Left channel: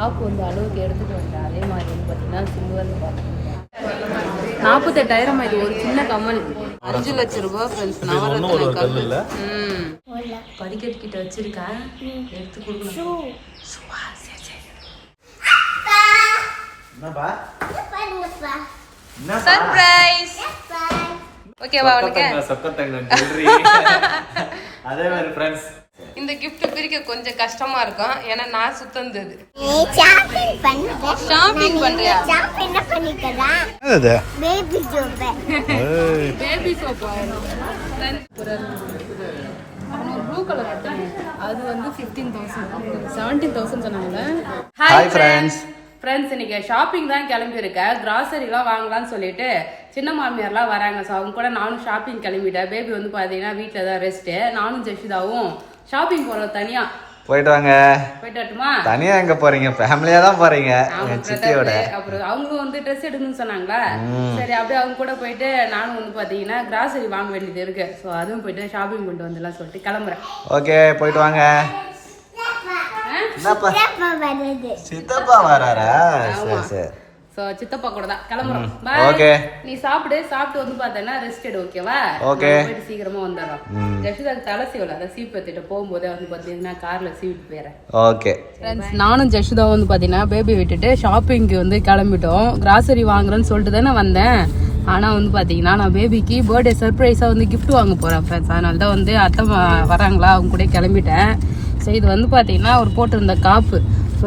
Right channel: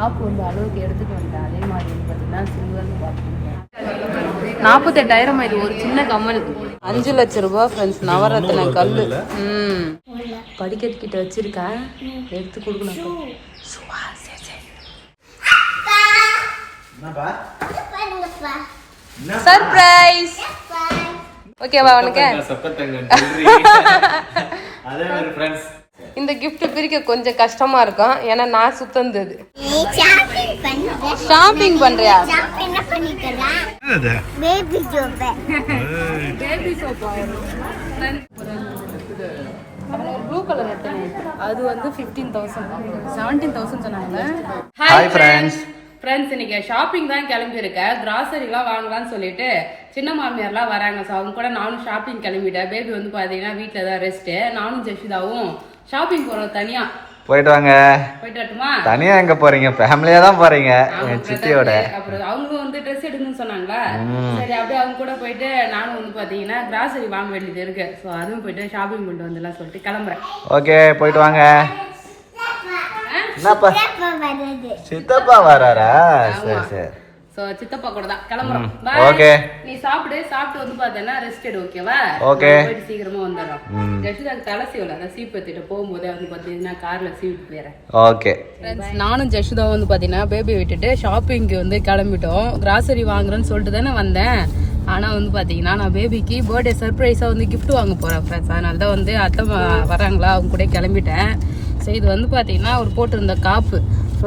Top வந்து அளவுக்கு எடுத்துகிட்டு வந்தேன். அதே மாதிரி வந்து பார்த்தீங்கன்னா சில்வர் பார்த்துருக்கேன். 48,000 இது ஒரு சின்ன கமல். 5 லட்சம் ரூபாய் ஃப்ரெண்ட்ஸ். நவரத்ன கல். படிக்கட்டு கிட்ட வச்சிருக்கேன், எடுத்து கொடுக்கணும். சர்ப்ரைஸ். ஓகேவா உனக்கு? இந்த கிஃப்ட் பிரிக்க கொஞ்சம் கஷ்டமா இருக்கும், ஏன்னா நான் சுத்தந்தது. ஷாப்பிங் பண்றியா? பேபி சோப் ப்ளூ கலர் அது வந்து 15,000 17,000 சொன்னாங்க. Hi friends. இன்னைக்கு ஷாப்பிங் தான் கிளம்பியிருக்கேன். கிராசரிலாம் வாங்கலாம்னு சொல்லிட்டு சின்ன மாமியார்லாம் வராங்க. ஸோ அவங்க கூட நானும் ஷாப்பிங் கிளம்பிட்டேன். பேபி வந்து பார்த்தீங்கன்னா வீட்டில் தான் ரெஸ்ட்டு. நானும் ஜெஷிதாவும் ஷாப்பிங் போகிறோம். தனியா போயிட்டு வாங்க. போயிட்டு வரட்டுமா? தனியா எங்க போறீங்க? ஃபேமிலியா தான் போறீங்க என் சித்தியோட. அப்புறம் அவங்களும் வந்து ட்ரெஸ் எடுக்கணும்னு சொன்னாங்களா, சரி அப்படியே அவங்க கூட போயிட்டு நானும் வந்து பாத்தீங்கன்னா கிராசரி வாங்க வேண்டியது இருக்கு. ஸோ அதுவும் போயிட்டு ஷாப்பிங் பண்ணிட்டு வந்துடலாம் சொல்லிட்டு கிளம்புறேன். ஓகே போயிட்டு வாங்க. சித்தப்பா வராரா? சரி சரி. சோ சித்தப்பா கூட தான் கிளம்புறோம். ஓகே நீ சாப்பிட்டு வந்து பார்த்தேன்னா ரெஸ்ட் எடு. ஓகேவா? ஓகே போயிட்டு சீக்கிரமா வந்துடுறோம். ஜெஷிதாக்கு தலை சீவல, அதை சீப் எடுத்துட்டு போகும்போதே வந்து பார்த்தீங்கன்னா கார்ல சீவிட்டு போயிடுறேன். ஓகே ஃப்ரெண்ட்ஸ், நானும் ஜெஷிதா வந்து பார்த்தீங்கன்னா பேபி விட்டுட்டு ஷாப்பிங்க்கு வந்து கிளம்பிட்டோம். கிராசரி வாங்குறேன்னு சொல்லிட்டு தானே வந்தேன். ஆனால் வந்து பார்த்தீங்கன்னா நான் பேபிக்கு பர்த்டே சர்ப்ரைஸாக வந்து கிஃப்ட் வாங்க போகிறேன் ஃப்ரெண்ட்ஸ். அதனால தான் வந்து அத்தை வராங்களா, அவங்க கூட கிளம்பிட்டேன். சரி இது வந்து பார்த்தீங்கன்னா ஒரு போட்டிருந்த காப்பு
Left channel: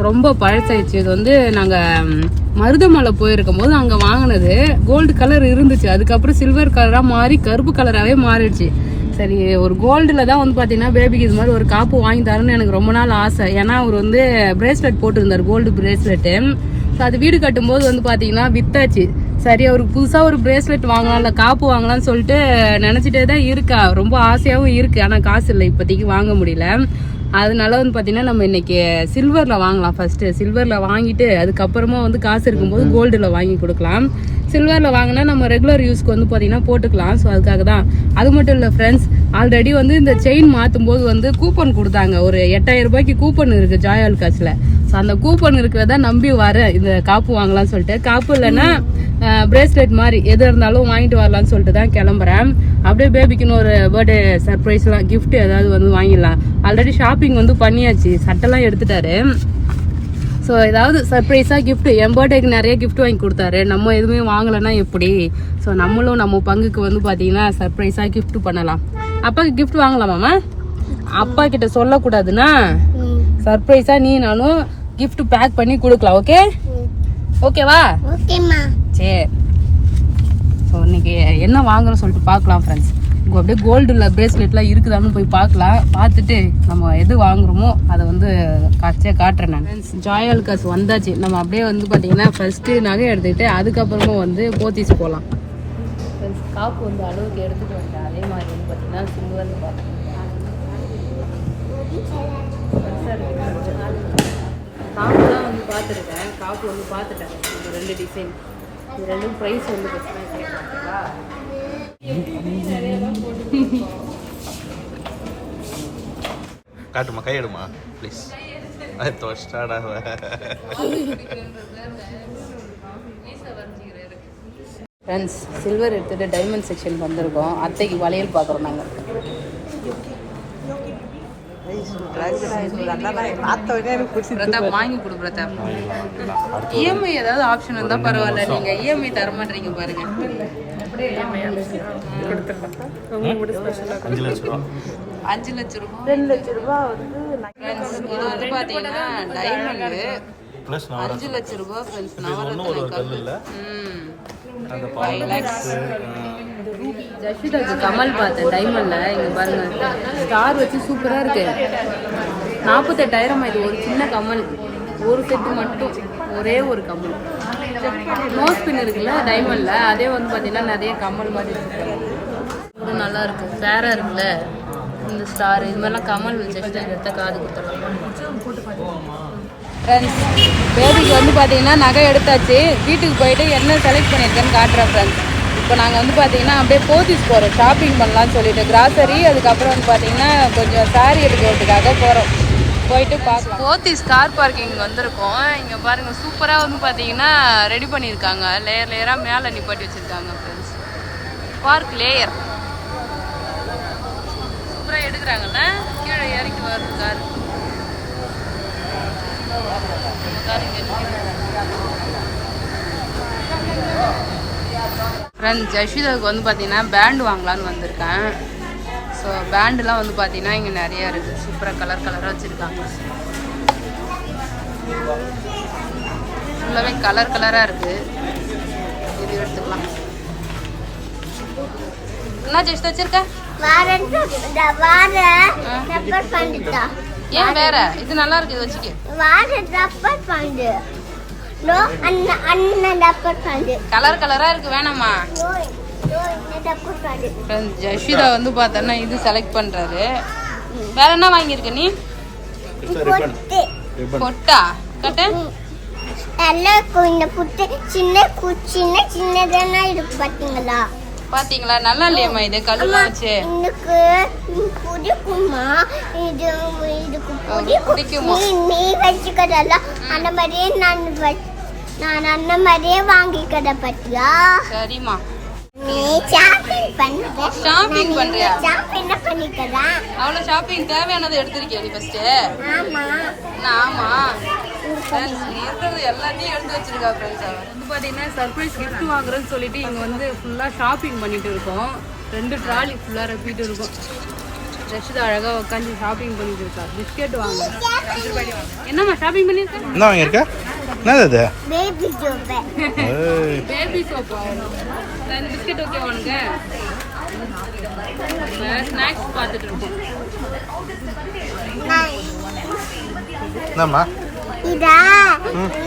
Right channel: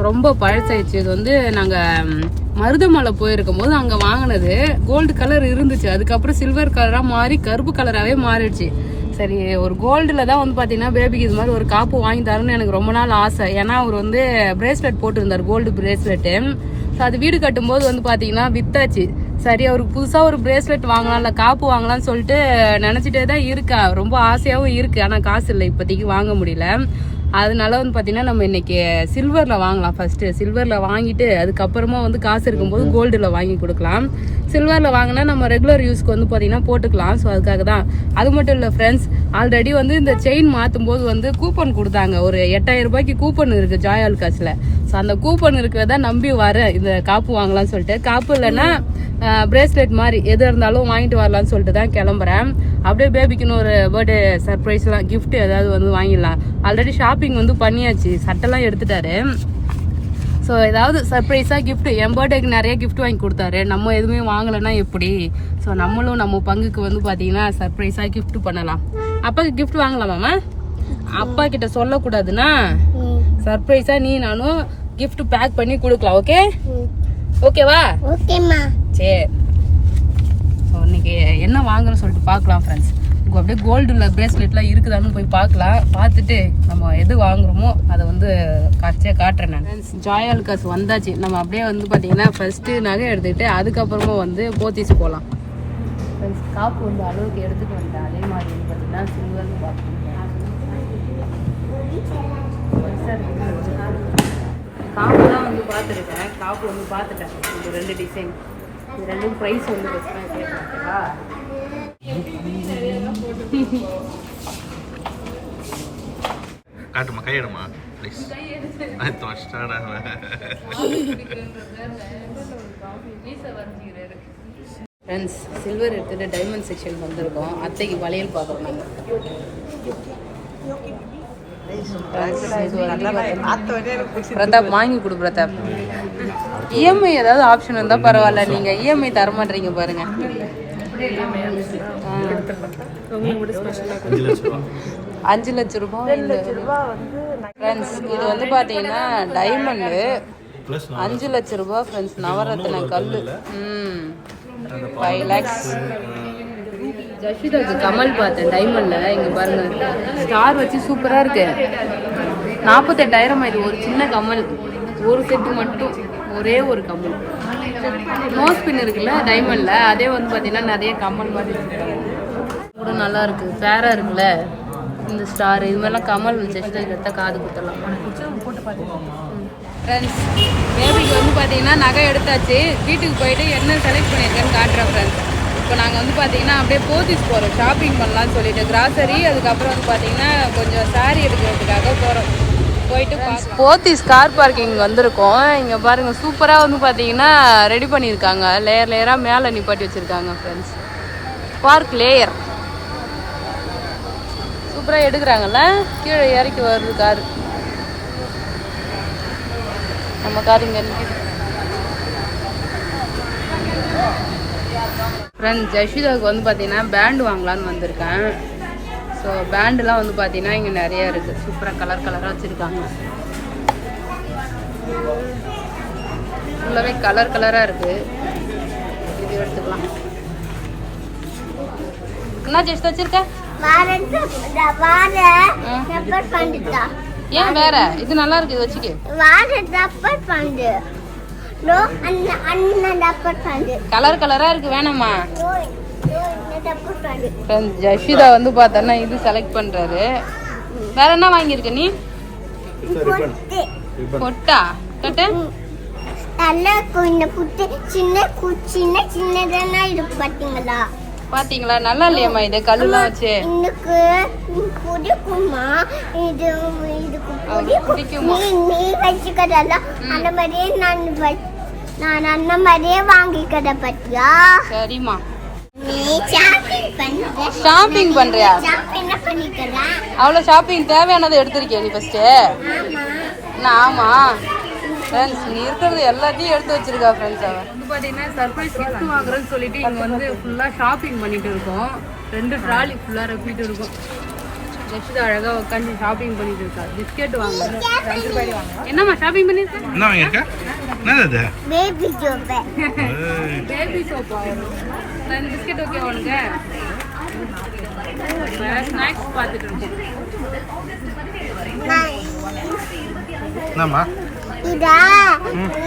ரொம்ப பழசாயிடுச்சு. இது வந்து நாங்கள் மருதமலை போயிருக்கும் போது அங்கே வாங்கினது. கோல்டு கலர் இருந்துச்சு, அதுக்கப்புறம் சில்வர் கலராக மாறி கருப்பு கலராகவே மாறிடுச்சு. சரி ஒரு கோல்டில் தான் வந்து பார்த்தீங்கன்னா பேபிக்கு இது மாதிரி ஒரு காப்பு வாங்கி தரணும்னு எனக்கு ரொம்ப நாள் ஆசை. ஏன்னா அவர் வந்து பிரேஸ்லெட் போட்டிருந்தார், கோல்டு பிரேஸ்லெட்டு. ஸோ அது வீடு கட்டும்போது வந்து பார்த்தீங்கன்னா வித்தாச்சு. சரி அவருக்கு புதுசாக ஒரு பிரேஸ்லெட் வாங்கலாம், இல்லை காப்பு வாங்கலாம்னு சொல்லிட்டு நினச்சிட்டே தான் இருக்கா. ரொம்ப ஆசையாகவும் இருக்குது, ஆனால் காசு இல்லை இப்போதைக்கு வாங்க முடியல. அதனால வந்து பார்த்தீங்கன்னா நம்ம இன்னைக்கு சில்வரில் வாங்கலாம். ஃபர்ஸ்ட்டு சில்வரில் வாங்கிட்டு அதுக்கப்புறமா வந்து காசு இருக்கும்போது கோல்டில் வாங்கி கொடுக்கலாம். சில்வரில் வாங்கினா நம்ம ரெகுலர் யூஸ்க்கு வந்து பார்த்தீங்கன்னா போட்டுக்கலாம். ஸோ அதுக்காக தான். அது மட்டும் இல்லை ஃப்ரெண்ட்ஸ், ஆல்ரெடி வந்து இந்த செயின் மாற்றும் போது வந்து கூப்பன் கொடுத்தாங்க. ஒரு 8,000 ரூபாய்க்கு கூப்பன் இருக்குது ஜாய் ஆலுகாஸில். ஸோ அந்த கூப்பன் இருக்கிறத நம்பி வர இந்த காப்பு வாங்கலாம்னு சொல்லிட்டு, காப்பு இல்லைன்னா பிரேஸ்லெட் மாதிரி எது இருந்தாலும் வாங்கிட்டு வரலாம்னு சொல்லிட்டு தான் கிளம்புறேன். அப்படியே பேபிக்குன்னு ஒரு பர்த்டே சர்ப்ரைஸ்லாம் கிஃப்ட் ஏதாவது வந்து வாங்கிடலாம். ஆல்ரெடி ஷாப்பிங் வந்து பண்ணியாச்சு, சட்டெல்லாம் எடுத்துட்டாரு. ஸோ ஏதாவது சர்ப்ரைஸாக கிஃப்ட், என் பர்த்டேக்கு நிறைய கிஃப்ட் வாங்கி கொடுத்தாரு. நம்ம எதுவுமே வாங்கலைன்னா எப்படி? ஸோ நம்மளும் நம்ம பங்குக்கு வந்து பார்த்தீங்கன்னா சர்ப்ரைஸாக கிஃப்ட் பண்ணலாம். அப்பாவுக்கு கிஃப்ட் வாங்கலாமாம்மா? அப்பா கிட்ட சொல்லக்கூடாதுன்னா சர்ப்ரைஸாக நீ நானும் கிஃப்ட் பேக் பண்ணி கொடுக்கலாம். ஓகே ஓகேவா? ஓகேம்மா. சரி ஸோ இன்னைக்கு என்ன வாங்குறோம் சொல்லிட்டு பார்க்கலாம் ஃப்ரெண்ட்ஸ். அப்படியே கோல்டுல பிரேஸ்லெட்லாம் இருக்குதான்னு போய் பார்க்கலாம். பார்த்துட்டு நம்ம எது வாங்குறோமோ அதை வந்து காட்டுறேன் நான். ஜாய் ஆலுகாஸ் வந்தாச்சு. நம்ம அப்படியே வந்து பார்த்தீங்கன்னா ஃபர்ஸ்ட்டு நகை எடுத்துக்கிட்டு அதுக்கப்புறமா வந்து போத்தீஸ் போகலாம். காப்பு வந்து அளவுக்கு எடுத்துகிட்டு வந்தேன். அதே மாதிரி வந்து பார்த்தீங்கன்னா சில்வர் காப்பு தான் வந்து பார்த்துருக்கேன். காப்பு வந்து பார்த்துட்டேன். இந்த 2 டிசைன், இது 2ம் ப்ரைஸ் வந்து பிரச்சனை கேட்குறாங்களா? காட்டுமா, கையெடுமா ப்ளீஸ். ஃப்ரெண்ட்ஸ், சில்வர் எடுத்துகிட்டு டைமண்ட் செக்ஷன் வந்திருக்கோம். அத்தைக்கு வளையல் பார்க்குறோம் நாங்கள். பிரதாப் வாங்கி கொடு பிரதாப். இஎம்ஐ ஏதாவது ஆப்ஷன் இருந்தா பரவாயில்ல, நீங்க இஎம்ஐ தர மாட்டீங்க பாருங்க. 5 லட்சம் ரூபாய். ஃப்ரெண்ட்ஸ் இது வந்து பாத்தீங்கன்னா டைமண்ட் 5 லட்சம் ரூபாய் ஃப்ரெண்ட்ஸ். நவரத்ன கல் 5 lakhs. ஜஷிதாக்கு கமல் பார்த்தேன் டைமண்ட்ல. இங்க பாருங்க ஸ்டார் வச்சு சூப்பரா இருக்கு. 48,000 இது ஒரு சின்ன கமல். ஒரு செட்டு மட்டும், ஒரே ஒரு கமல். நோஸ் பின் இருக்குல்ல டைமண்ட்ல, அதே வந்து பார்த்தீங்கன்னா நிறைய கமல் மாதிரி இருக்கு. நல்லா இருக்கு, ஃபேரா இருக்குல்ல இந்த ஸ்டார். இது மாதிரிலாம் கமல் ஜஷிதா காது கொடுத்துருவோம். ஃப்ரெண்ட்ஸ் பேபிக்கு வந்து பார்த்தீங்கன்னா நகை எடுத்தாச்சு. வீட்டுக்கு போயிட்டு என்ன செலக்ட் பண்ணியிருக்கேன்னு காட்டுறேன் ஃப்ரெண்ட்ஸ். இப்போ நாங்கள் வந்து பார்த்தீங்கன்னா அப்படியே போத்தீஸ் போகிறோம் ஷாப்பிங் பண்ணலான்னு சொல்லிட்டு. கிராசரி, அதுக்கப்புறம் வந்து பார்த்தீங்கன்னா கொஞ்சம் சாரீ எடுக்கிறதுக்காக போகிறோம். போயிட்டு போத்தீஸ் கார் பார்க்கிங் வந்திருக்கோம். இங்கே பாருங்கள் சூப்பராக வந்து பார்த்தீங்கன்னா ரெடி பண்ணியிருக்காங்க. லேயர் லேயராக மேலே நிப்பாட்டி வச்சுருக்காங்க ஃப்ரெண்ட்ஸ். பார்க் லேயர் சூப்பராக எடுக்கிறாங்கல்ல. கீழே இறக்கி வருது காரு. நம்ம கார் இங்கே ஃப்ரெண்ட்ஸ் ஜஷிதாவுக்கு வந்து பார்த்தீங்கன்னா பேண்டு வாங்கலான்னு வந்திருக்கேன். ஸோ பேண்டுலாம் வந்து பார்த்தீங்கன்னா இங்கே நிறையா இருக்குது. சூப்பராக கலர் கலராக வச்சுருக்காங்க. ஃபுல்லாகவே கலர் கலராக இருக்குது. இது எடுத்துக்கலாம். என்ன ஜெஸ்ட் வச்சிருக்க? ஏன் வேற இது நல்லா இருக்கு, இது வச்சுக்க. கலர் கலரா இருக்கு, வேணாமா? ஜஷிதா வந்து பார்த்தா இது செலக்ட் பண்றாரு. வேற என்ன வாங்கியிருக்க நீ? பொட்டா கட்ட பாத்தீங்களா? நல்லா இல்லையம்மா இது கல்லுலாம் வச்சு. நான் அந்த மாதிரியே வாங்கிக்கத பத்தியா? சரிம்மா. நீ ஷாப்பிங் பண்றியா? என்ன பண்ணிக்கதா? அவ்வளவு ஷாப்பிங் தேவையானதை எடுத்திருக்கியா நீ ஃபர்ஸ்ட்? ஆமா ஃப்ரெண்ட்ஸ், நீ இருக்கிறது எல்லாத்தையும் எடுத்து வச்சிருக்கா ஃப்ரெண்ட்ஸ். அவன் வந்து பார்த்தீங்கன்னா சர்ப்ரைஸ் கிஃப்ட் வாங்குறேன்னு சொல்லிட்டு இங்கே வந்து ஃபுல்லாக ஷாப்பிங் பண்ணிட்டு இருக்கோம். 2 ட்ராலி ஃபுல்லாக ரப்பிட்டு இருக்கும். ஜஸ்ட் அழகாக உட்காந்து ஷாப்பிங் பண்ணிட்டு இருக்கா. பிஸ்கெட் வாங்க. என்னம்மா ஷாப்பிங் பண்ணிருக்க? என்ன வாங்கிருக்க? என்னது? Baby soap. பேபி சோப்பா? இந்த பிஸ்கெட் ஓகே உனக்கு? ஸ்நாக்ஸ் பார்த்துட்டு இருக்கோம். என்னம்மா இதா?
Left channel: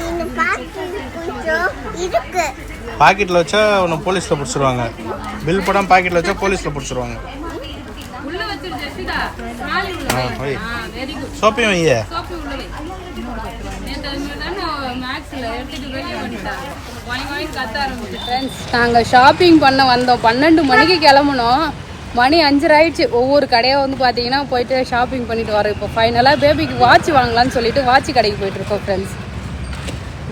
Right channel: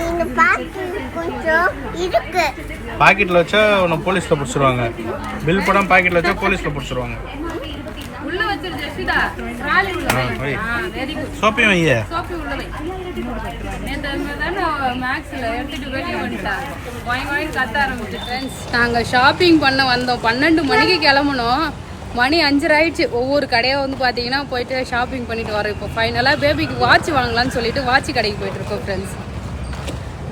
இந்த பாக்கெட் கொஞ்சம் இருக்கு. பாக்கெட்ல வச்சா உன்னை போலீஸ்ல பிடிச்சிருவாங்க. பில் போடாம பாக்கெட்ல வச்சா போலீஸ்ல பிடிச்சிருவாங்க. உள்ள வச்சிரு ஜெசிதா. ட்ராலி உள்ள வை. Very good. சோப்பி வையே. சோப்பி உள்ள வை. நேத்து நான் மேக்ஸ்ல எடுத்துட்டு வெளிய வந்துட்டா. வாங்கி கத்த ஆரம்பிச்சு ஃப்ரெண்ட்ஸ். நாங்க ஷாப்பிங் பண்ண வந்தோம். 12 மணிக்கு கிளம்பணும். மணி 5 ஆயிடுச்சு. ஒவ்வொரு கடையாக வந்து பார்த்தீங்கன்னா போயிட்டு ஷாப்பிங் பண்ணிட்டு வரோம். இப்போ ஃபைனலாக பேபிக்கு வாட்ச் வாங்கலான்னு சொல்லிட்டு வாட்ச் கடைக்கு போயிட்டு இருக்கோம் ஃப்ரெண்ட்ஸ்.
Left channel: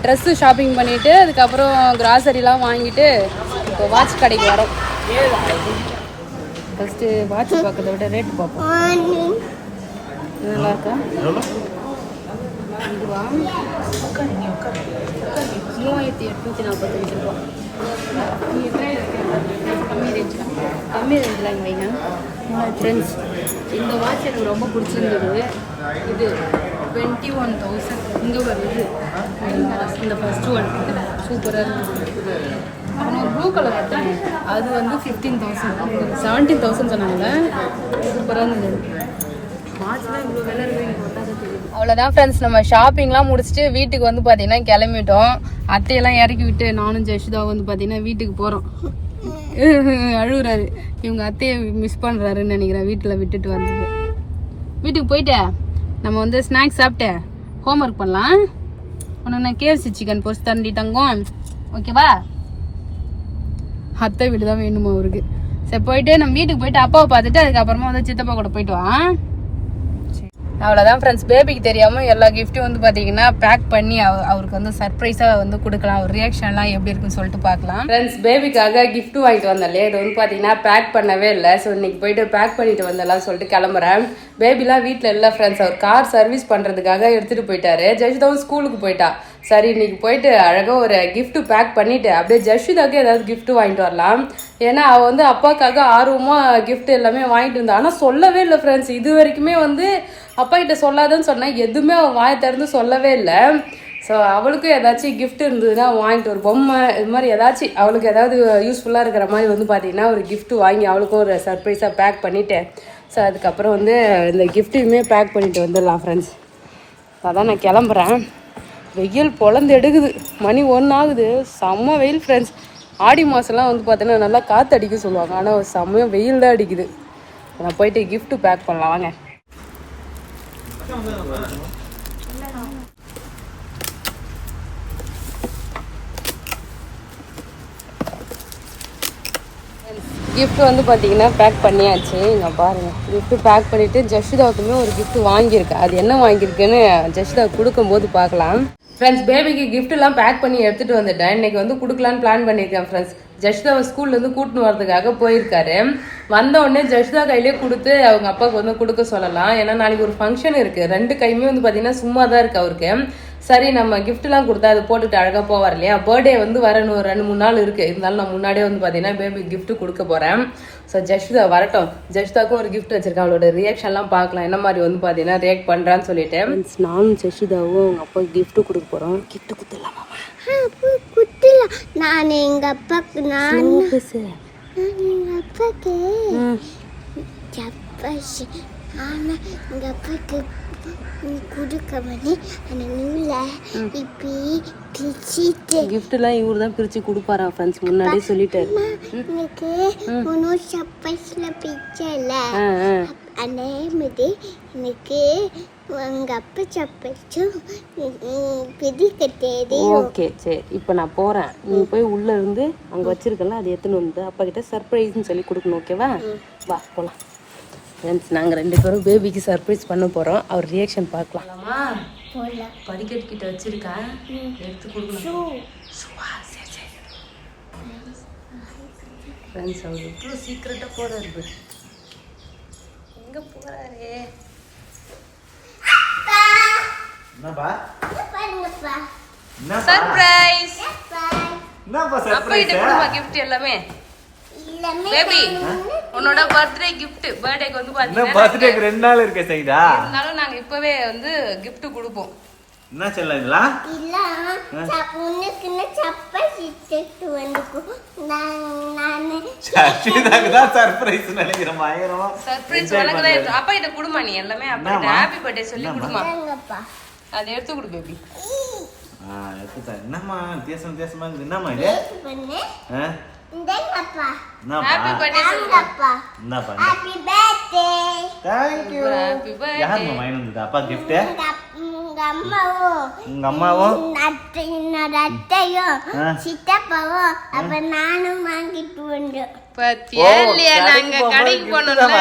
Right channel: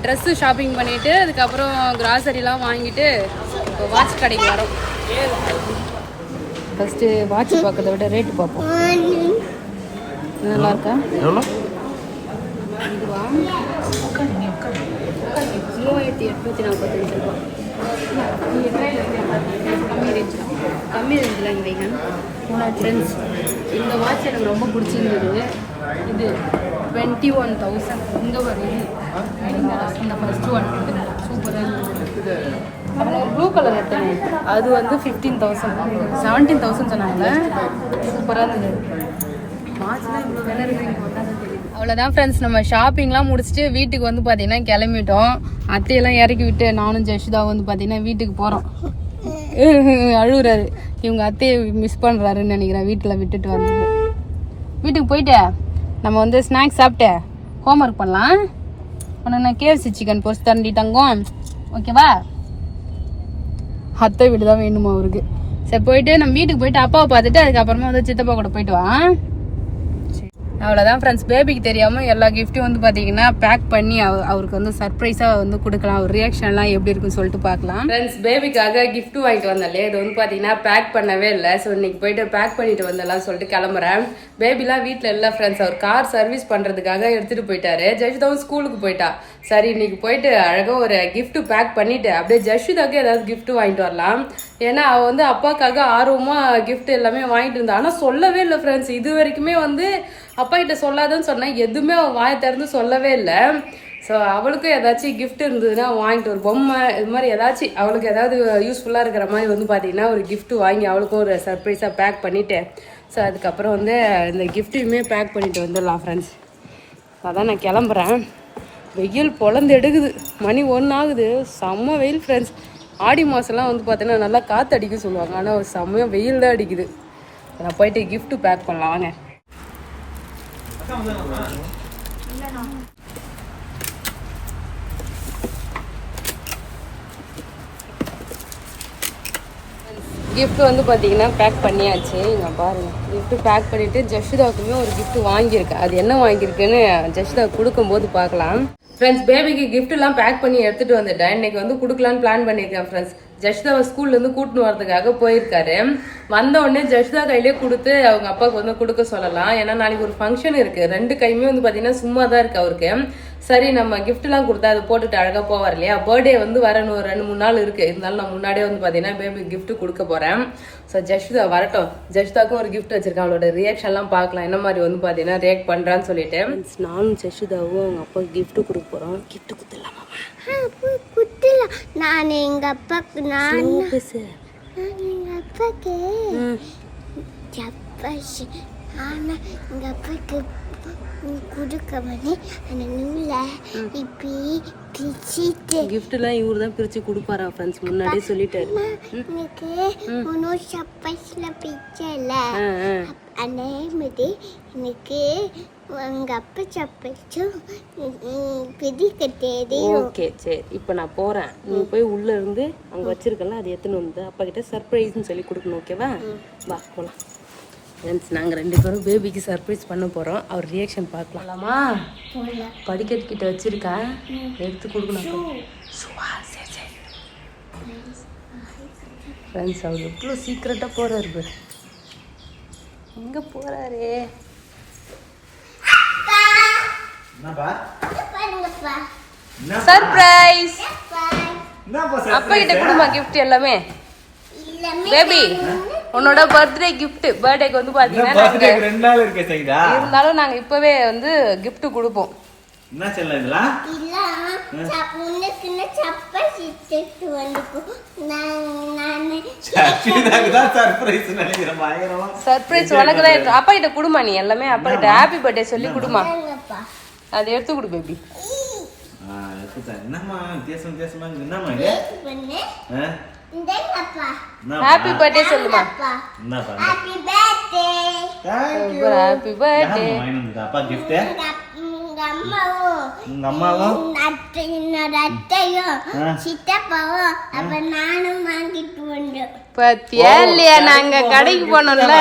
ட்ரெஸ்ஸு ஷாப்பிங் பண்ணிவிட்டு அதுக்கப்புறம் கிராசரிலாம் வாங்கிட்டு இப்போ வாட்ச் கடைக்கு வரோம். ஃபஸ்ட்டு வாட்ச் பார்க்கறத விட ரேட்டு பார்ப்போம். நல்லா இருக்கா? இதுவா 3845 ரூபா. கம்மி ரேஞ்சில் வைங்க ஃப்ரெண்ட்ஸ். இந்த வாட்ச் எனக்கு ரொம்ப பிடிச்சிருந்தது. இது 21,000. இங்கே வருது இந்த ஃபர்ஸ்ட் ஒன் சூப்பராக இருக்குது. அப்புறம் ஒரு ப்ளூ கலர் எடுத்தாங்க, அது வந்து 15,000 17,000 சொன்னாங்க. சூப்பராக இருந்தது. வாட்ச்லாம் இவ்வளோ விலை இருக்குது. அவ்வளோதான் ஃப்ரெண்ட்ஸ், நம்ம ஷாப்பிங்லாம் முடிச்சுட்டு வீட்டுக்கு வந்து பார்த்தீங்கன்னா கிளம்பிட்டோம். அத்தையெல்லாம் இறக்கி விட்டு நானும் ஜெஷிதா வந்து பார்த்தீங்கன்னா வீட்டுக்கு போகிறோம். அழுகுறாரு. இவங்க அத்தையை மிஸ் பண்ணுறாருன்னு நினைக்கிறேன். வீட்டில் விட்டுட்டு வந்தது. வீட்டுக்கு போயிட்டு நம்ம வந்து ஸ்நாக்ஸ் சாப்பிட்டு ஹோம்ஒர்க் பண்ணலாம். உனக்கு நான் KFC சிக்கன் போஸ்ட் தண்டி தங்கம், ஓகேவா? அத்தை வீடு தான் வேணுமா அவருக்கு. சரி போயிட்டு நம்ம வீட்டுக்கு போயிட்டு அப்பாவை பார்த்துட்டு அதுக்கப்புறமா வந்து சித்தப்பா கூட போயிட்டு வா. அவ்வளோதான் ஃப்ரெண்ட்ஸ். பேபிக்கு தெரியாமல் எல்லா கிஃப்ட்டும் வந்து பார்த்தீங்கன்னா பேக் பண்ணி அவருக்கு வந்து சர்ப்ரைஸாக வந்து கொடுக்கலாம். அவர் ரியாக்ஷன்லாம் எப்படி இருக்குன்னு சொல்லிட்டு பார்க்கலாம். ஃப்ரெண்ட்ஸ், பேபிக்காக கிஃப்ட் வாங்கிட்டு வந்தாலே இது வந்து பார்த்தீங்கன்னா பேக் பண்ணவே இல்லை. ஸோ இன்னைக்கு போயிட்டு பேக் பண்ணிட்டு வந்தலாம் சொல்லிட்டு கிளம்புறேன். பேபிலாம் வீட்டில் இல்லை ஃப்ரெண்ட்ஸ். அவர் கார் சர்வீஸ் பண்ணுறதுக்காக எடுத்துகிட்டு போயிட்டாரு. ஜஷிதாவும் ஸ்கூலுக்கு போயிட்டா. சரி இன்னைக்கு போயிட்டு அழகாக ஒரு கிஃப்ட் பேக் பண்ணிட்டு அப்படியே ஜஷிதாவுக்கு ஏதாவது கிஃப்ட் வாங்கிட்டு வரலாம். ஏன்னா அவள் வந்து அப்பாவுக்காக ஆர்வமாக கிஃப்ட் எல்லாமே வாங்கிட்டு இருந்தா. ஆனால் சொல்லவே இல்லை ஃப்ரெண்ட்ஸ். இது வரைக்குமே வந்து அப்பா கிட்ட சொல்லாதன்னு சொன்னா எதுவுமே அவன் வாயை திறந்து சொல்லவே இல்லை. ஸோ அவளுக்கும் ஏதாச்சும் கிஃப்ட் இருந்ததுன்னா வாங்கிட்டு ஒரு பொம்மை இது மாதிரி ஏதாச்சும் அவளுக்கு ஏதாவது யூஸ்ஃபுல்லாக இருக்கிற மாதிரி வந்து பார்த்தீங்கன்னா ஒரு கிஃப்ட் வாங்கி அவளுக்கும் ஒரு சர்ப்ரைஸாக பேக் பண்ணிவிட்டேன். ஸோ அதுக்கப்புறம் வந்து இந்த கிஃப்ட்டையுமே பேக் பண்ணிட்டு வந்துடலாம் ஃப்ரெண்ட்ஸ். அதான் நான் கிளம்புறேன். வெயில் பொழந்து எடுக்குது. மணி 1 ஆகுது. செம்ம வெயில் ஃப்ரெண்ட்ஸ். ஆடி மாதம்லாம் வந்து பார்த்தீங்கன்னா நல்லா காற்று அடிக்க சொல்லுவாங்க. ஆனால் செம்மையாக வெயில் தான் அடிக்குது. நான் போயிட்டு கிஃப்ட்டு பேக் பண்ணலாம் வாங்க. கிஃப்ட் வந்து பார்த்தீங்கன்னா பேக் பண்ணியாச்சு. இங்கே பாருங்க, கிஃப்ட் பேக் பண்ணிட்டு ஜஷிதாவுக்குமே ஒரு கிஃப்ட் வாங்கியிருக்கேன். அது என்ன வாங்கியிருக்குன்னு ஜஷிதாவுக்கு கொடுக்கும்போது பார்க்கலாம். ஃப்ரெண்ட்ஸ், பேபிக்கு கிஃப்ட் எல்லாம் பேக் பண்ணி எடுத்துட்டு வந்துட்டேன். இன்னைக்கு வந்து கொடுக்கலான்னு பிளான் பண்ணியிருக்கேன் ஃப்ரெண்ட்ஸ். ஜஷிதாவை ஸ்கூல்லேருந்து கூட்டின்னு வரதுக்காக போயிருக்காரு. வந்த உடனே ஜஷிதா கையிலே கொடுத்து அவங்க அப்பாவுக்கு வந்து கொடுக்க சொல்லலாம். ஏன்னா நாளைக்கு ஒரு ஃபங்க்ஷன் இருக்கு. 2 கையுமே வந்து பார்த்தீங்கன்னா சும்மா தான் இருக்கு அவருக்கு. சரி, நம்ம கிஃப்ட்லாம் கொடுத்தா அது போட்டுட்டு அழகாக போவார் இல்லையா. பர்த்டே வந்து வர 2-3 நாள் இருக்கு. இருந்தாலும் நான் முன்னாடியே வந்து பார்த்தீங்கன்னா பேபி கிஃப்ட் கொடுக்க போறேன். ஸோ ஜஷிதா வரட்டும். ஜஷிதாவுக்கும் ஒரு கிஃப்ட் வச்சிருக்கேன். அவளோட ரியாக்ஷன்லாம் பார்க்கலாம், என்ன மாதிரி வந்து பார்த்தீங்கன்னா ரியாக்ட் பண்றான்னு சொல்லிட்டு. நானும் ஜஷிதாவும் அவங்க அப்பாவுக்கு கிஃப்ட் கொடுக்க போறோம். கிஃப்ட் கொடுத்துடலாமா? குத்தலாம். நான் எங்க அப்பாக்கு எங்க அப்பாக்கு சப்பாசி. ஆனா எங்க அப்பாக்கு கொடுக்க வந்து அந்த நூலை இப்படி பிரிச்சுட்டு கிஃப்ட்லாம் இவரு தான் பிரிச்சு கொடுப்பாரா ஃப்ரெண்ட்ஸ், முன்னாடியே சொல்லிட்டாரு. எனக்கு ஒன்றும் சப்பாசில பிரிச்சல அதே மாதிரி எனக்கு எங்க அப்பா சப்பாச்சும் பிரிக்க தெரியும். ஓகே, சரி. இப்போ நான் போறேன். நீ போய் உள்ள இருந்து அங்க வச்சிருக்கல அதை எடுத்துன்னு வந்து அப்பா கிட்ட சர்ப்ரைஸ்ன்னு சொல்லி கொடுக்கணும். ஓகேவா? வா போலாம். ஃப்ரெண்ட்ஸ், நாங்கள் 2 பேரும் பேபிக்கு சர்ப்ரைஸ் பண்ண போகிறோம். அவர் ரியாக்ஷன் பார்க்கலாமா? படிக்கட்டு கிட்ட வச்சிருக்கேன், எடுத்து கொடுக்கணும். சரி சரி ஃப்ரெண்ட்ஸ், அவர் எவ்வளோ சீக்கிரட்டாக போகிறாரு. எங்கே போகிறாரு? சர்ப்ரைஸ். அப்பா கிட்ட கொடுமா கிஃப்ட் எல்லாமே. பேபி, உன்னோட பர்த்டே கிஃப்ட். பர்த்டேக்கு வந்து பாத்தீங்கன்னா பர்த்டேக்கு 2 நாள் இருக்கு சைதா. இருந்தாலும் நாங்க இப்பவே வந்து கிஃப்ட் கொடுப்போம். என்ன செல்ல இதெல்லாம்? இல்ல, உனக்கு சப்பாசி செட்டு வந்து நான் சச்சிதாக்கு தான் சர்ப்ரைஸ் நினைக்கிறேன். பயங்கரமா சர்ப்ரைஸ் உனக்கு தான். அப்பா கிட்ட கொடுமா நீ எல்லாமே. அப்பா கிட்ட ஹாப்பி பர்த்டே சொல்லி கொடுமா. அதை எடுத்து கொடு பேபி. என்னம்மா வித்தியாசமா என்னம்மா இது? ஹாப்பி பர்த்டே சொல்லுமா. என்னப்பா? Happy birthday. Thank you. Happy birthday. யார் வாங்கினது அப்பா gift? உங்க அம்மாவும் அத்தையும் சித்தப்பாவும் அப்ப நானும் வாங்கிட்டு வந்தோம். பத்தியா இல்லையா? நாங்க கடைக்கு போனோம்ல.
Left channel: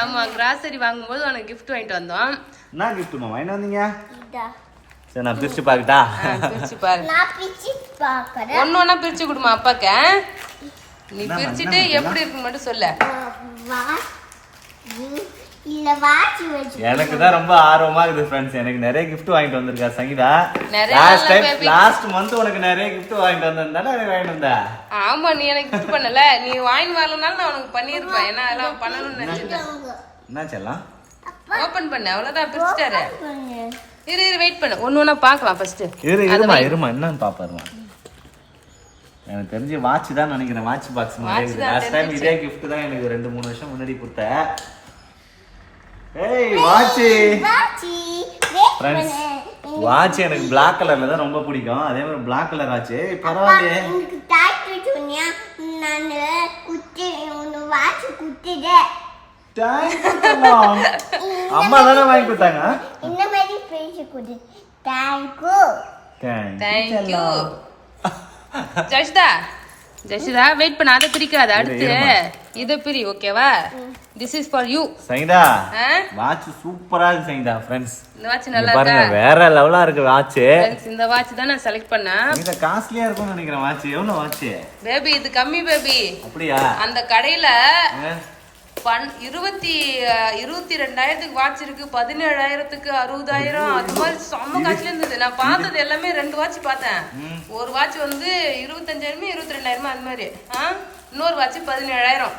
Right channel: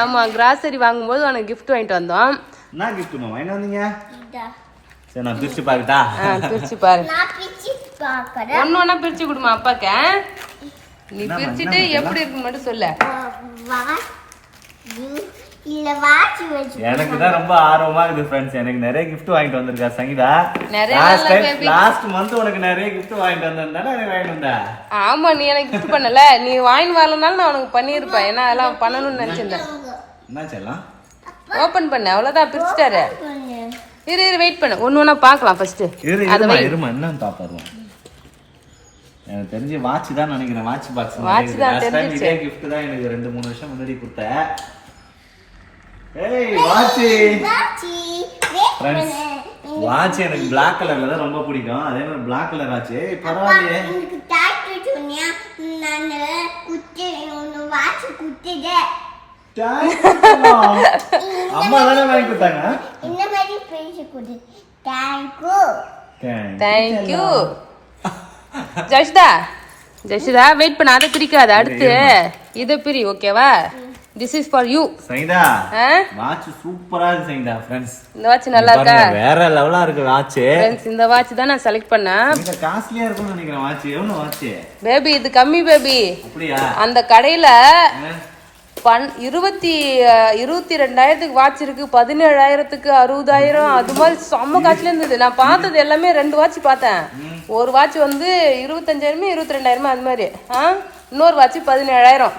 ஆமா, கிராசரி வாங்கும்போது உனக்கு கிஃப்ட் வாங்கிட்டு வந்தோம். என்ன கிஃப்ட்மா வாங்கிட்டு வந்தீங்க? சரி, நான் பிரிச்சு பாக்கட்டா? பிரிச்சு பாரு. நான் பிரிச்சு பார்க்கறேன். ஒண்ணு பிரிச்சு கொடுமா அப்பாக்கு. நீ பிரிச்சுட்டு எப்படி இருக்குன்னு மட்டும் சொல்லு. இல்ல வாட்ச் வெச்சு. எனக்கு தான் ரொம்ப ஆர்வமா இருக்குது फ्रेंड्स. எனக்கு நிறைய gift வாங்கிட்டு வந்திருக்கா சங்கீதா. நிறைய லாஸ்ட் மந்த் உனக்கு நிறைய gift வாங்கிட்டு வந்தேன்டா. எனக்கு வாங்கிட்டு வந்தா. ஆமா, நீ எனக்கு gift பண்ணல. நீ வாங்கி வரலனால நான் உனக்கு பண்ணிருப்பேன். ஏன்னா அதெல்லாம் பண்ணணும்னு நினைச்சிருந்தேன். என்ன செல்லம்? ஓபன் பண்ணு, அவ்வளவுதான். பிரிச்சுட்டாரு. இரு வெயிட் பண்ணு, ஒண்ணு பார்க்கலாம் ஃபர்ஸ்ட். இருமா என்ன பாப்பாருமா. எனக்கு தெரிஞ்சு வாட்ச் தான் நினைக்கிறேன். Watch box. லாஸ்ட் டைம் இதே gift தான் எனக்கு 2-3 வருஷம் முன்னாடி கொடுத்த. ஏய் வாட்ச். फ्रेंड्स, வாட்ச் எனக்கு Black கலர்ல தான் ரொம்ப பிடிக்கும். அதே மாதிரி Black கலர் வாட்ச். பரவாயில்லையே. எனக்கு டாட்டூ சொன்னியா? நான் குட்டி ஒன்னு வாட்ச் குட்டிதே. அம்மா தானே வாங்கி கொடுத்தாங்க. இந்த மாதிரி பேசி கொடு. Thank you. ஜஷிதா வெயிட் பண்ண, அதை பிரிக்காத. அடுத்து இத பிரி. ஓகேவா? This is for you. Saida, watch சூப்பரா இருக்கு சைதா. फ्रेंड्स, இந்த வாட்ச் நல்லா இருக்கா? வேற லெவலா இருக்கு வாட்ச். फ्रेंड्स, இந்த வாட்ச் தான் நான் செலக்ட் பண்ணேன். இது காஸ்ட்லியா இருக்கும்னு நினைக்கிறேன் வாட்ச். எவ்வளவு வாட்ச்? பேபி, இது கம்மி பேபி. அப்படியா? அந்த கடையில 22,000 வாட்ச் இருக்கு. 17,000, 60,000 அது மாதிரி செம்ம காசுல இருந்தது. நான் பார்த்தது எல்லாமே 2 வாட்ச் பார்த்தேன். ஒரு வாட்ச் வந்து 25,000 22,000 அது மாதிரி. இன்னொரு வாட்ச் 17,000.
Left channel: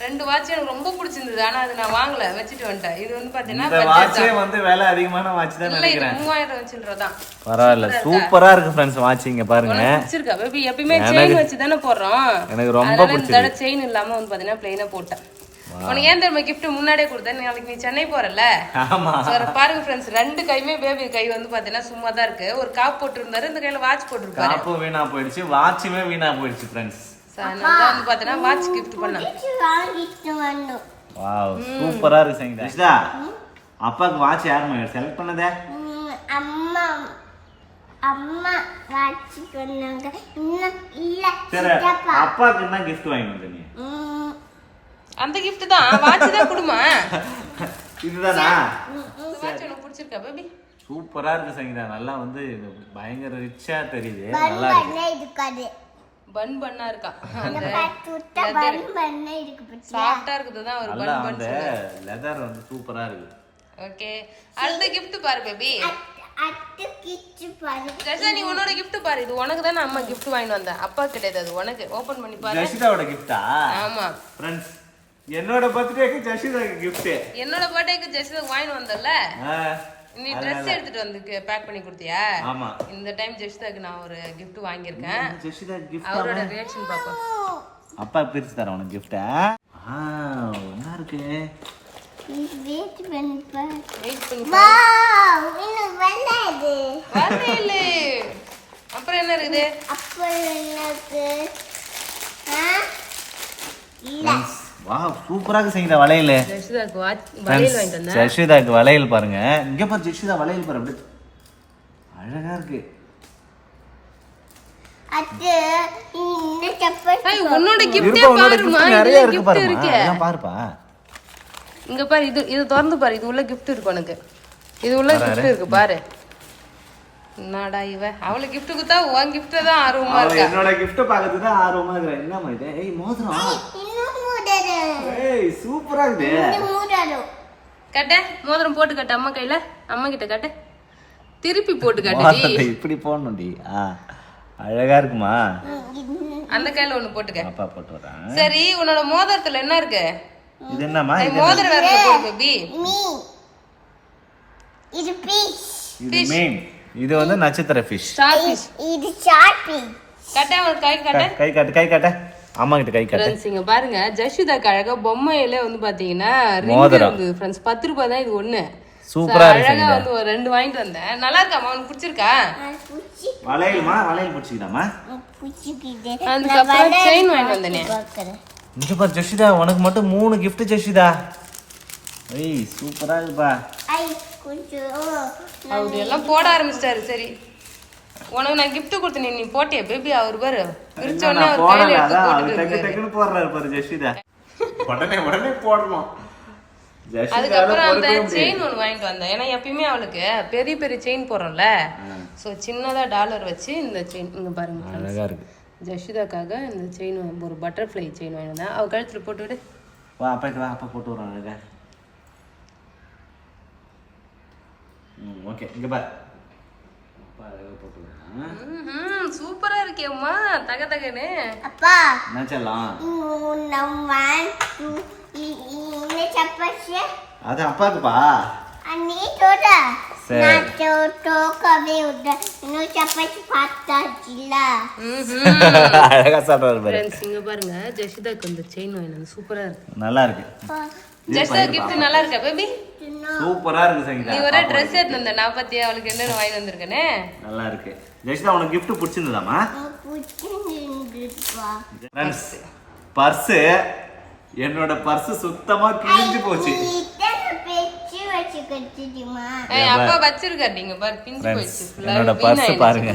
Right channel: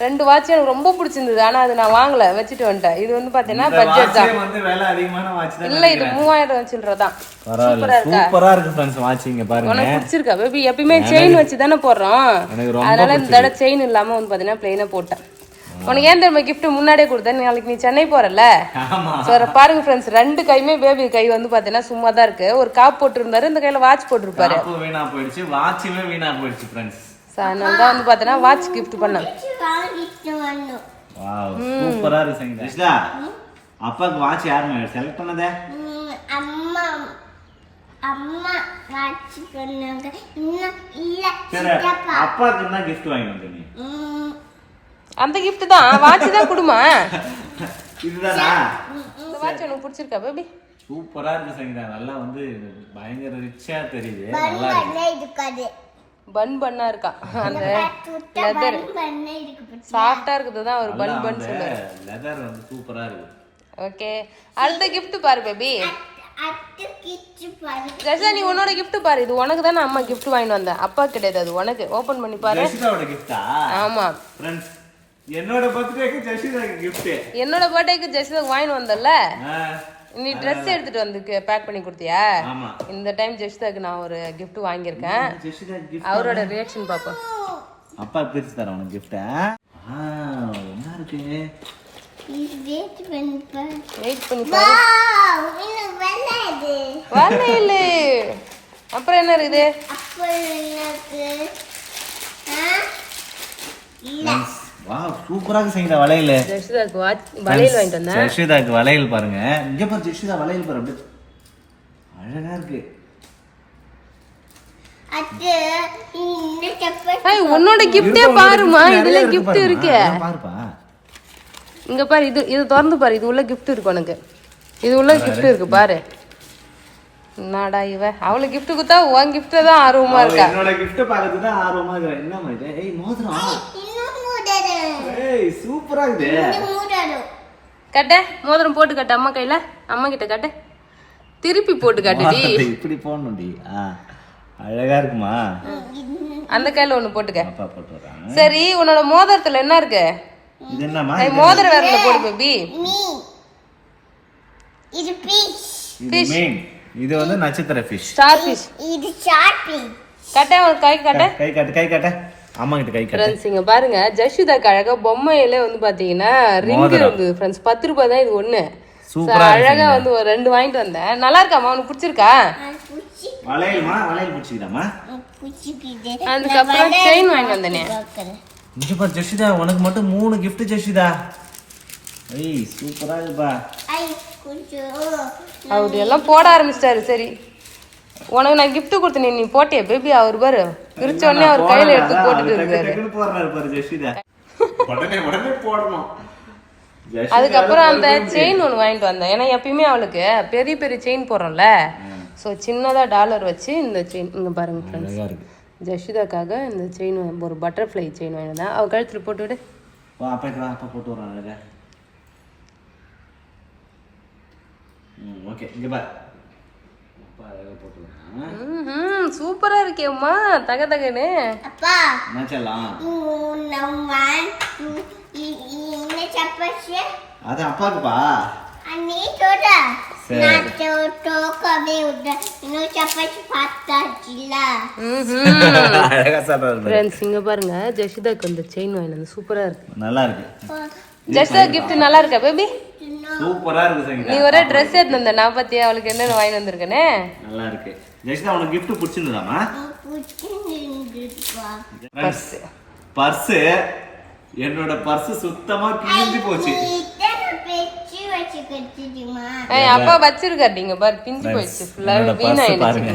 2 வாட்ச் எனக்கு ரொம்ப பிடிச்சிருந்தது. ஆனா அது நான் வாங்கல, வச்சுட்டு வந்துட்டேன். இது வந்து பாத்தீங்கன்னா பட்ஜெட் தான். வந்து விலை அதிகமான வாட்ச் தான். இல்ல, இது 3000 சில்லறதான். பரவாயில்ல, சூப்பரா இருக்கு फ्रेंड्स. வாட்ச் இங்க பாருங்க. உனக்கு பிடிச்சிருக்கா பேபி? எப்பவுமே செயின் வச்சு தானே போடுறோம். எனக்கு ரொம்ப அதனால இந்த தடவை செயின் இல்லாம வந்து பாத்தீங்கன்னா பிளைனா போட்டேன். உனக்கு ஏன் தெரியுமா கிஃப்ட் முன்னாடியே கொடுத்தேன்? நாளைக்கு நீ சென்னை போறல. பாருங்க ஃப்ரெண்ட்ஸ், 2 கையுமே பேபி கை வந்து பாத்தீங்கன்னா சும்மா தான் இருக்கு. ஒரு காப் போட்டு இருந்தாரு, இந்த கையில வாட்ச் போட்டுருப்பாரு. வீணா போயிடுச்சு, வாட்சுமே வீணா போயிடுச்சு फ्रेंड्स. நான் தான் வந்து பாத்தீங்கன்னா வாட்ச் கிஃப்ட் பண்ணேன். வாவ், சூப்பரா இருக்கு சங்கீதா. அப்பாக்கு வாட்ச் யாருமா செலக்ட் பண்ணதே? அம்மா. அம்மா வாட்ச் சொன்னாங்க இன்னும் இல்ல சரி சித்தப்பா அப்பாக்கு என்ன gift வாங்கி வந்த நீ அந்த gift தான் வாட்ச் தான் குடுமா. இதுதானா இந்த வாட்ச் உனக்கு பிடிச்சிருக்கா பேபி? சூப்பரா இருக்கு சங்கீதா. நல்லா வந்து பயங்கர ரிச்சா தெரியுது. பன் நல்லா இருக்கு. பண்ணே இருக்காது பன் பண்ணா இருக்கா. அந்த சுட்ட பன் பண்ணே இருக்கு சாஃப்ட்டா இருக்குது தான் ஒரு பன் பன் சொல்லுது. லெதர் வந்து சூப்பரா இருக்கு. ஓகே அடுத்த gift பாரு பேபி. அட்டு கிச்சு பாரு ஜெஷா நீ உன்னோட gift பாரு. இது உனக்கு தானே அம்மா gift வாங்கிட்டு வந்தேன். அப்பா கிடையாது அது உனக்கு. ஓபன் பண்ணி பாரு. ஜெஷிதாவோட கிஃப்டா? ஆமா फ्रेंड्स என்னோட பர்த்டேக்கு ஜெஷிதாக்கு gift. என்னோட பர்த்டேக்கு ஜெஷிதா வாங்கிட்டு வந்தல்ல. நீ Dress எடுத்துட்டு வந்து பேக் பண்ணி கொடுத்தியா? ஆமா. இந்த டைம் ஜெஷிதாக்கு நான் ஒரு gift வாங்கியிருக்கேன். ஜெஷிதா gift அவரோட ரியாக்ஷன் பாப்போம். அப்பா பிரிச்சு தரேன் உனக்கு gift. என்ன இருக்கு? வெயிட் பண்ணி பாரு வெயிட் பண்ணி பாரு. வாவ் இன்னும் வரல வரல. அப்புறம் என்ன இருக்குது? அப்ப எனக்கு இல்ல வாவ் சூப்பரா இருக்கு சங்கீதா வளையல். ஜெஷிதாக்கு வளையல் வாங்கிட்டு வந்தேன். ஜெஷிதாக்கு வளையல் பாருங்க. இங்க பாரு ஜெஷிதா வளையல் பாரு அப்படியே அழகா இருக்கு. அது இந்த செப்பல் ஏய் உன்னோட gift-ஏ பாருமா. இதுல gift இருக்கு. பாருப்பா. இங்க பாரு இது திறந்து பாரு. இது உள்ள gift இருக்கு உனக்கு. இது உள்ள gift இருக்கு பாரு. என்னடா இவ அவள gift குத்தா உன் gift தான் ஆர்வமா இருக்கா. என்னோட gift பார்க்கிறது தான் ஆர்வமா இருக்கா. என்னமா இது? ஏய் மோதிரம். இன்னும் மூடரு ஏய் சூப்பரா இருக்கு. இந்த மூடரு கட்ட மோதிரம் போட்டு கட்ட அம்மா கையில. அம்மா கிட்ட கட்ட. திருப்பி போட்டு கட்டுடி. இப்படி போடணும்டி. அழகா இருக்குமா? அந்த கையில ஒண்ணு போட்டுக்க. அப்பா போட்டு வரேன். சரி உன்னோட மோதிரத்துல என்ன இருக்கு? இது என்னமா? மோதிர விரல்ல போடு பேபி. மீ இது பீச் இது மீன். இது வந்து நட்சத்திர ஃபிஷ். Star fish. இது சாப்பி கட்ட ஒரு கை கட்ட. கை காட்டு. அம்மா கிட்ட கை காட்டு. ஃப்ரெண்ட்ஸ் இங்க பாருங்க ஜெஷிதாக்கு அழகா பொம்மையில வந்து பாத்தீங்கன்னா ரிங் இருந்து ஃப்ரெண்ட்ஸ் 10 ரூபாய் தான் இது ஒண்ணு. சூப்பரா அழகா வந்து ஒரு 2 வாங்கிட்டு வந்தேன். நல்லா இருக்காமா? உனக்கு பிடிச்சிருக்கா? புச்சி வளையல்மா வளையல் பிடிச்சிக்கிட்டாமா? புச்சிக்கிட்டே அதுக்கப்புறம் செயின் வாங்கிட்டு வந்தேனே. பார்க்கறேன் இங்க பாரு ஜெஷிதா உனக்கு மட்டும் 3 gift ஜெஷிதா. ஏய் சூப்பரா இருக்குப்பா. ஐ கொஞ்சம் அவரு எல்லாம் போட ஆரம்பிச்சிட்டாரு. சரி உனக்கு நான் gift கொடுத்தேன் நீ போட்டியா பேபி? அவர் பாரு பிரிச்ச உடனே அவர் கையில எடுத்து போட்டுட்டு இருக்காரு. டக்குனு போடுறாரு பாரு ஜெஷிதா. உடனே போடணும். அதுக்கப்புறம் அந்த செயின் ஒன்று வாங்கிட்டு வந்தேன். ஏன்னா எப்பயுமே அவளுக்கு பெரிய பெரிய செயின் போடுறோம்ல. ஸோ சின்னதா டாலர் வச்சு இந்த செயின் இங்க பாருங்க ஃப்ரெண்ட்ஸ். அழகா இருக்கு. ஜஷிதாக்காக இந்த செயின் ஒரு பட்டர்ஃப்ளை செயின் வாங்கிட்டு வந்தேன். அவ கழுத்துல போட்டு விடு. வா அப்பா போட்டு வரான் அழகா. ஓகே இங்க பாரு. அப்பா அழகா போட்டு வரான். சூப்பரா இருக்கேம்மா தக தகன்னு. அப்பா என்ன சொல்லலாம்? இந்த செப்பல் அது அப்பாக்குப்பா. நீ தோட சரி. நான் தோக்கவே விட இன்னும் செப்பல் பார்த்தாச்சுல அழகா சாப்பிடுறாரு. ஃப்ரெண்ட்ஸ் இங்க பாருங்க ஜஷிதாக்கு இந்த செயின் வாங்கிட்டு வந்து சூப்பரா இருக்கு. நல்லா இருக்கு. ஜஷிதா கிஃப்ட் நல்லா இருக்கா பேபி? சூப்பரா இருக்கு சங்கீதா. நீ ஒரே ட்ரெஸ் எடுத்து வந்த நான் பத்தியா அவளுக்கு என்னென்ன வாங்கிட்டு வந்திருக்கேனே. நல்லா இருக்கு. ஜெஷிதா உனக்கு gift பிடிச்சிருந்ததாமா? Purse purse. என்னோட பர்ஸ் சுத்தமா கிழிஞ்சு போச்சு. அப்பா வச்சிருக்காரு இங்க பாரு பிஞ்சு போயிடுச்சு ஃபுல்லா. என்னோட பர்ஸ் பாருங்க.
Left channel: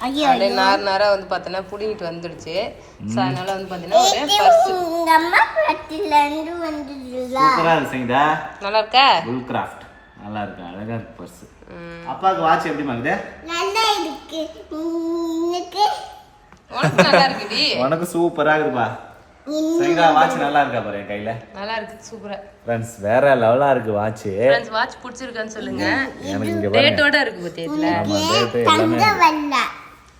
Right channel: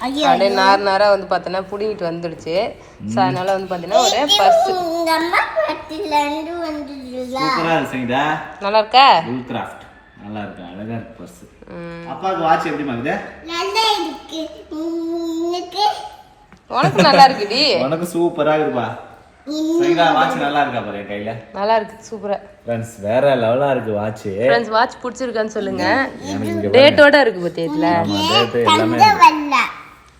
அப்படியே நாரா வந்து பார்த்தனா புடிங்கிட்டு வந்துடுச்சு. சோ அதனால வந்து பாத்தீங்கன்னா ஒரே பர்ஸ். உங்க அம்மா பட்டில இருந்து வந்துடுல. சூப்பரா இருக்கு சங்கீதா. நல்லா இருக்கா? புல் கிராஃப்ட் நல்லா இருக்கு. அழகா இருக்கு பர்ஸ். அப்பாக்கு வாட்ச் எப்படி மாக்குது? நல்லா இருக்கு. இன்னைக்கு உனக்கு நல்லா இருக்குடி. உனக்கு சூப்பரா இருக்குப்பா. சங்கீதா வாட்ச் நல்லா இருக்கா பாரு என் கையில. நல்லா இருக்கு சூப்பரா. ஃப்ரெண்ட்ஸ் வேற லெவலா இருக்கு வாட்ச். ஃப்ரெண்ட்ஸ் வாட்ச் பிடிச்சிருக்கான்னு சொல்லுங்க. எனக்கு இங்க டேட்டோட இருக்கு பத்தியா இதுல. ஆமா டேட் எல்லாமே.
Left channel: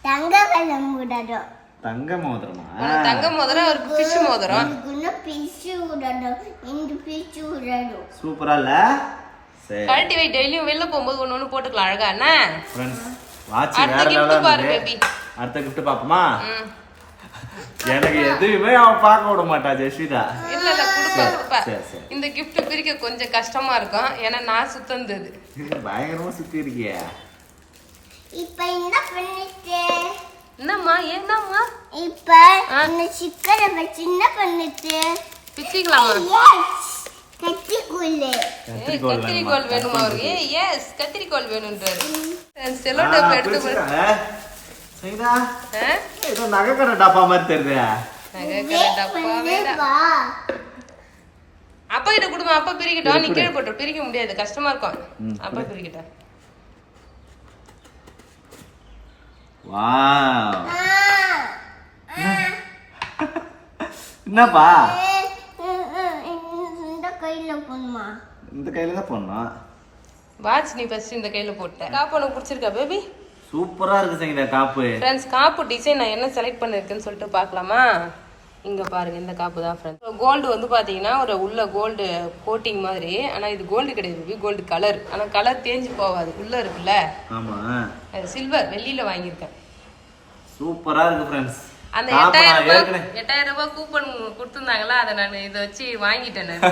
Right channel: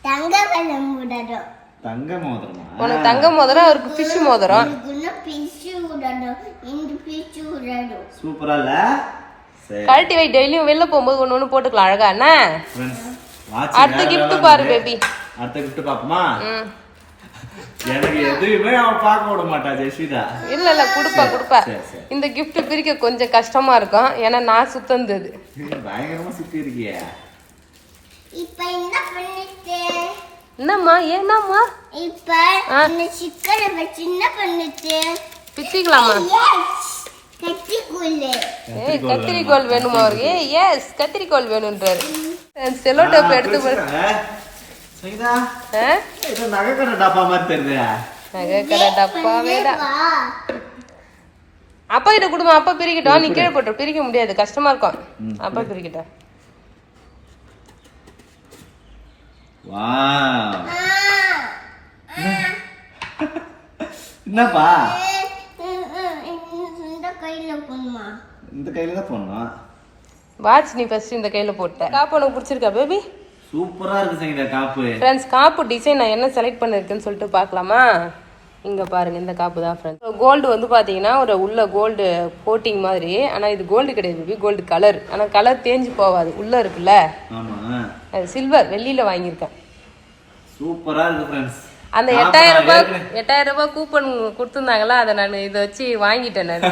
தங்க வல்ல மூடறோ. தங்க மோதிரமா? உனக்கு தங்க மோதிரம் அவருக்கு ஃபிஷ் மோதிரம். இன்னும் பிச்சு விடணும். இந்த பிச்சு விடணும். சூப்பரா இல்ல? சரி கழட்டி வை. டெய்லியும் வெளில போகும்போது ஒண்ணு போட்டுக்கலாம் அழகா என்ன. ஃப்ரெண்ட்ஸ் வாட்ச் அடுத்த gift பாரு பேபி. அடுத்த gift பாப்போமா? எனக்கு எதுவுமே அவன் பார்க்க விட மாட்டா ஜெஷிதா. இல்ல குடுப்பா. சரி. இந்த gift பிரிக்க கொஞ்சம் கஷ்டமா இருக்கும். ஏன்னா நான் சுத்தந்தது. பயங்கரமா சுத்தி இருக்கியே. இப்ப என்ன பண்ணிட்டு? என்னம்மா ஏன்னாம்மா? இப்ப இந்த சிக்கனை வச்சு என்ன பண்ணிட்டு? பிச்சிக்கலாமா? கத்திரிக்கோல். கத்திரிக்கோல் வேணுமா அவருக்கு? எஸ் கத்திரிக்கோல் வேணும்ன்றாரு. செல்லோ டேப் எடுத்து போய் சரிடா ஏதோ நகைக்கடை டப்பா மாதிரி தெரியுது. நகைக்கடை டப்பாவே தான். அப்பா கிட்ட கொடுமா, அப்பா பிரிக்கட்டும். நீ கீழே போட்டு பிரிக்க முடியாது, கஷ்டமா இருக்கும். அப்பா பிரிக்கட்டும். வாவ் என்னப்பா இந்த கையில போணுமா? இந்த கையில தான் போடணும். வாட்ச் நீ ஃபர்ஸ்ட் இந்த கையில போட்ட. காப்பு உனக்கு பிடிச்சிருக்கா பேபி? சூப்பரா இருக்கு சங்கீதா காப்பு. ஃப்ரெண்ட்ஸ், காப்பு டிசைன் நான் என்ன செலக்ட் பண்ணிருக்கேன்னு சொல்லிட்டு பார்க்கலாமா? இங்க பாருங்க, இந்த காப்பு தான் ஃப்ரெண்ட்ஸ். கோல்டு வந்து பாத்தீங்கன்னா ஒரு உள்ள கோல்டு கோட்டிங் மாதிரி. ஆனா இது கோல்டு கிடையாது பேபி, கோல்டு கலர். ஆனா கலர் தேஞ்சு போகாது, உள்ள இருக்குல்ல. ஆமா, அது சில்வர், வெள்ளியில வாங்கியிருக்கேன். சூப்பரா இருக்கு ஃப்ரெண்ட்ஸ். அந்த 8000 ரூபாய் கூப்பன் கொடுத்துருந்தாங்களா, அதை நான் இதை வச்சு வாங்கிட்டேன். நான்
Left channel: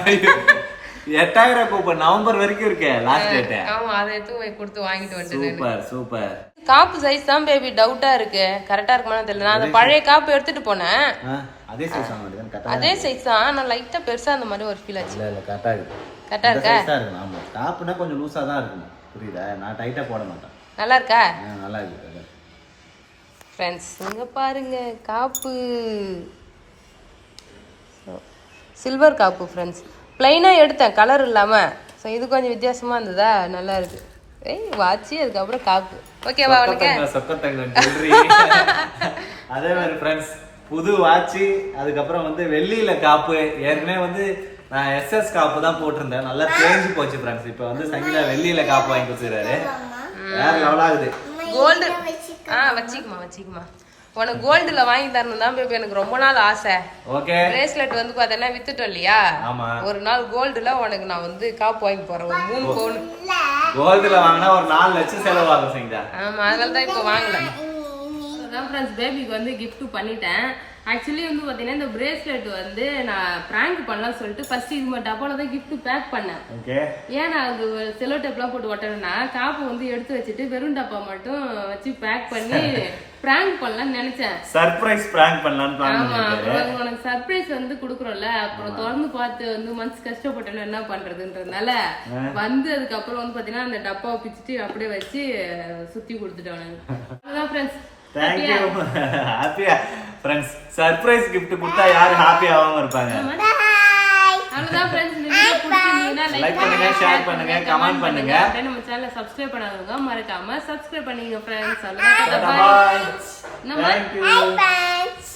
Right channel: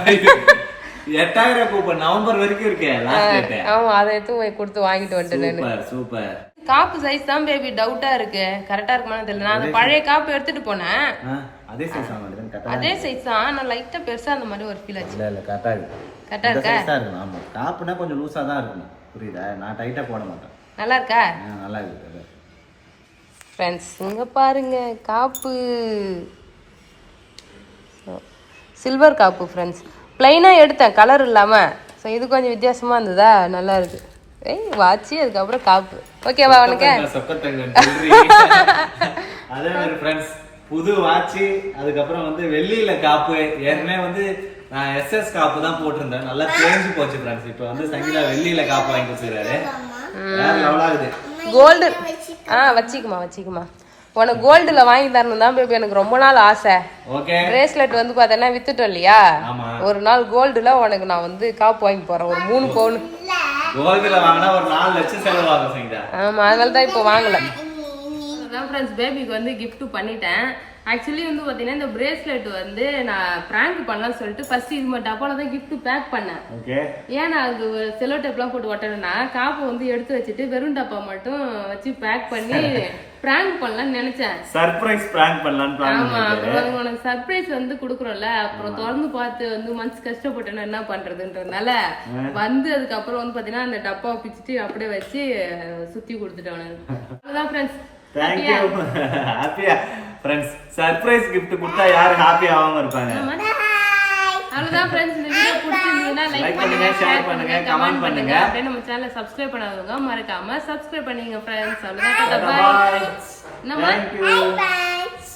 8000 கூப்பன் நவம்பர் வரைக்கும் இருக்கே லாஸ்ட் டேட். ஆமா, அதை எடுத்து போய் கொடுத்து வாங்கிட்டு வந்துட்டேன். Super super. காப்பு சைஸ் தான் பேபி டவுட்டா இருக்கு, கரெக்டா இருக்குமான்னு தெரியல. நான் அந்த பழைய காப்பு எடுத்துட்டு போனேன். அதே சைஸ் ஆக மாட்டேங்குது. அதே சைஸ் தான், நான் லைட்டா பெருசா அந்த மாதிரி ஒரு ஃபீல் ஆச்சு. இல்ல கரெக்டா இருக்கு. கரெக்டா இருக்கா? சைஸா இருக்கு. ஆமா, காப்புனா கொஞ்சம் லூசா தான் இருக்கும். புரியுதா? நான் டைட்டா போட மாட்டேன். நல்லா இருக்கா? நல்லா இருக்கு ஃப்ரெண்ட்ஸ். இங்க பாருங்க காப்பு, சில்வர் காப்பு ஃப்ரெண்ட்ஸ். பிளைனா எடுத்தேன், கலர் இல்லாம. ஸோ இது கொஞ்சம் வித்தியாசமா இருந்ததா, நல்லா இருக்கு. வாட்சி அதுக்கப்புறம் காப்பு. ஓகேவா உனக்கு? அதே மாதிரி ஃப்ரெண்ட்ஸ், புது வாட்சி, அதுக்கப்புறம் வந்து வெள்ளியில காப்பு. ஏற்கனவே வந்து நான் எஸ்எஸ் காப்பு தான் போட்டிருந்தேன், நல்லா தேஞ்சு போச்சு ஃப்ரெண்ட்ஸ். இப்போ வந்து சங்கீதா வெள்ளியில காப்பு வாங்கி கொடுத்துறாரு. வேற லெவலா இருக்குது. கோல்டு வச்சிக்குமா. உனக்கு கோல்டுல வாங்கி தரணும் தான் பேபி எனக்கு ரொம்ப நாள் ஆசை. ஓகே. பிரேஸ்லெட் வந்து பார்த்தேன்னா வித்துட்டோம் இல்லையா, ஒரு நாள் கோல்டுல உனக்கு நான் வந்து காப்பு வாங்கி போறேன். ஒரு 3 பவுன் கோல்டுல வாங்கினா ஒரு 4 லட்சம் செலவாகும் சங்கீதா. ஆமா, அதனால தான் இப்போ வாங்கல. அதான் ஃப்ரெண்ட்ஸ், பேபிக்கு வந்து கிஃப்ட் பண்ணிட்டேன். ஆக்சுவலி வந்து பாத்தீங்கன்னா இந்த பிரேஸ்லெட் வந்து நான் பிராங்க் பண்ணலாம்னு சொல்லிட்டு ஃபர்ஸ்ட் இது மட்டும் டப்பால தான் கிஃப்ட் பேக் பண்ணேன். ஏன் நான் அது செலோ டேப்லாம் போட்டு ஒட்டணும்னா, காப்பு வந்து எடுத்து வச்சுட்டு வெறும் டப்பா மட்டும் வச்சு பேக் பண்ணி பிராங்க் பண்ணலாம்னு நினைச்சேன். சர்ப்ரைஸ் பிராங்க் பண்ணலாம்னு பிளான் பண்ணிட்டேன். ஆமா, உனக்கு சர்ப்ரைஸ் வந்து குடுக்குறோம்ல, அப்புறம் திறந்து பார்த்து வந்து மனசு கஷ்டப்பட்டேன்னா என்ன பண்றதுன்றதுனால வந்து அதுக்கப்புறம் வந்து பாத்தீங்கன்னா அந்த டப்பாவை பிச்சுட்டு அப்படியே வச்சு சுத்தி கொடுத்துட்டேன் உனக்கு. அவ்வளவுதான் ஃப்ரெண்ட்ஸ். Thank you. ஹாப்பியா ஃப்ரெண்ட்ஸ், சர்ப்ரைஸ் gift கொடுத்தா யாரு ஹாப்பி ஆகாம இருப்பாங்க? அவ்வளவுதான் ஃப்ரெண்ட்ஸ். இந்த வீடியோ பிடிச்சிருந்தா லைக் பண்ணுங்க, ஷேர் பண்ணுங்க, கமெண்ட் பண்ணுங்க. அப்படியே நம்ம சேனலை சப்ஸ்கிரைப் பண்ணாதவங்க மறக்காம சப்ஸ்கிரைப் பண்ணீங்க ஃப்ரெண்ட்ஸ். அவ்வளவுதான். பை. Thank you.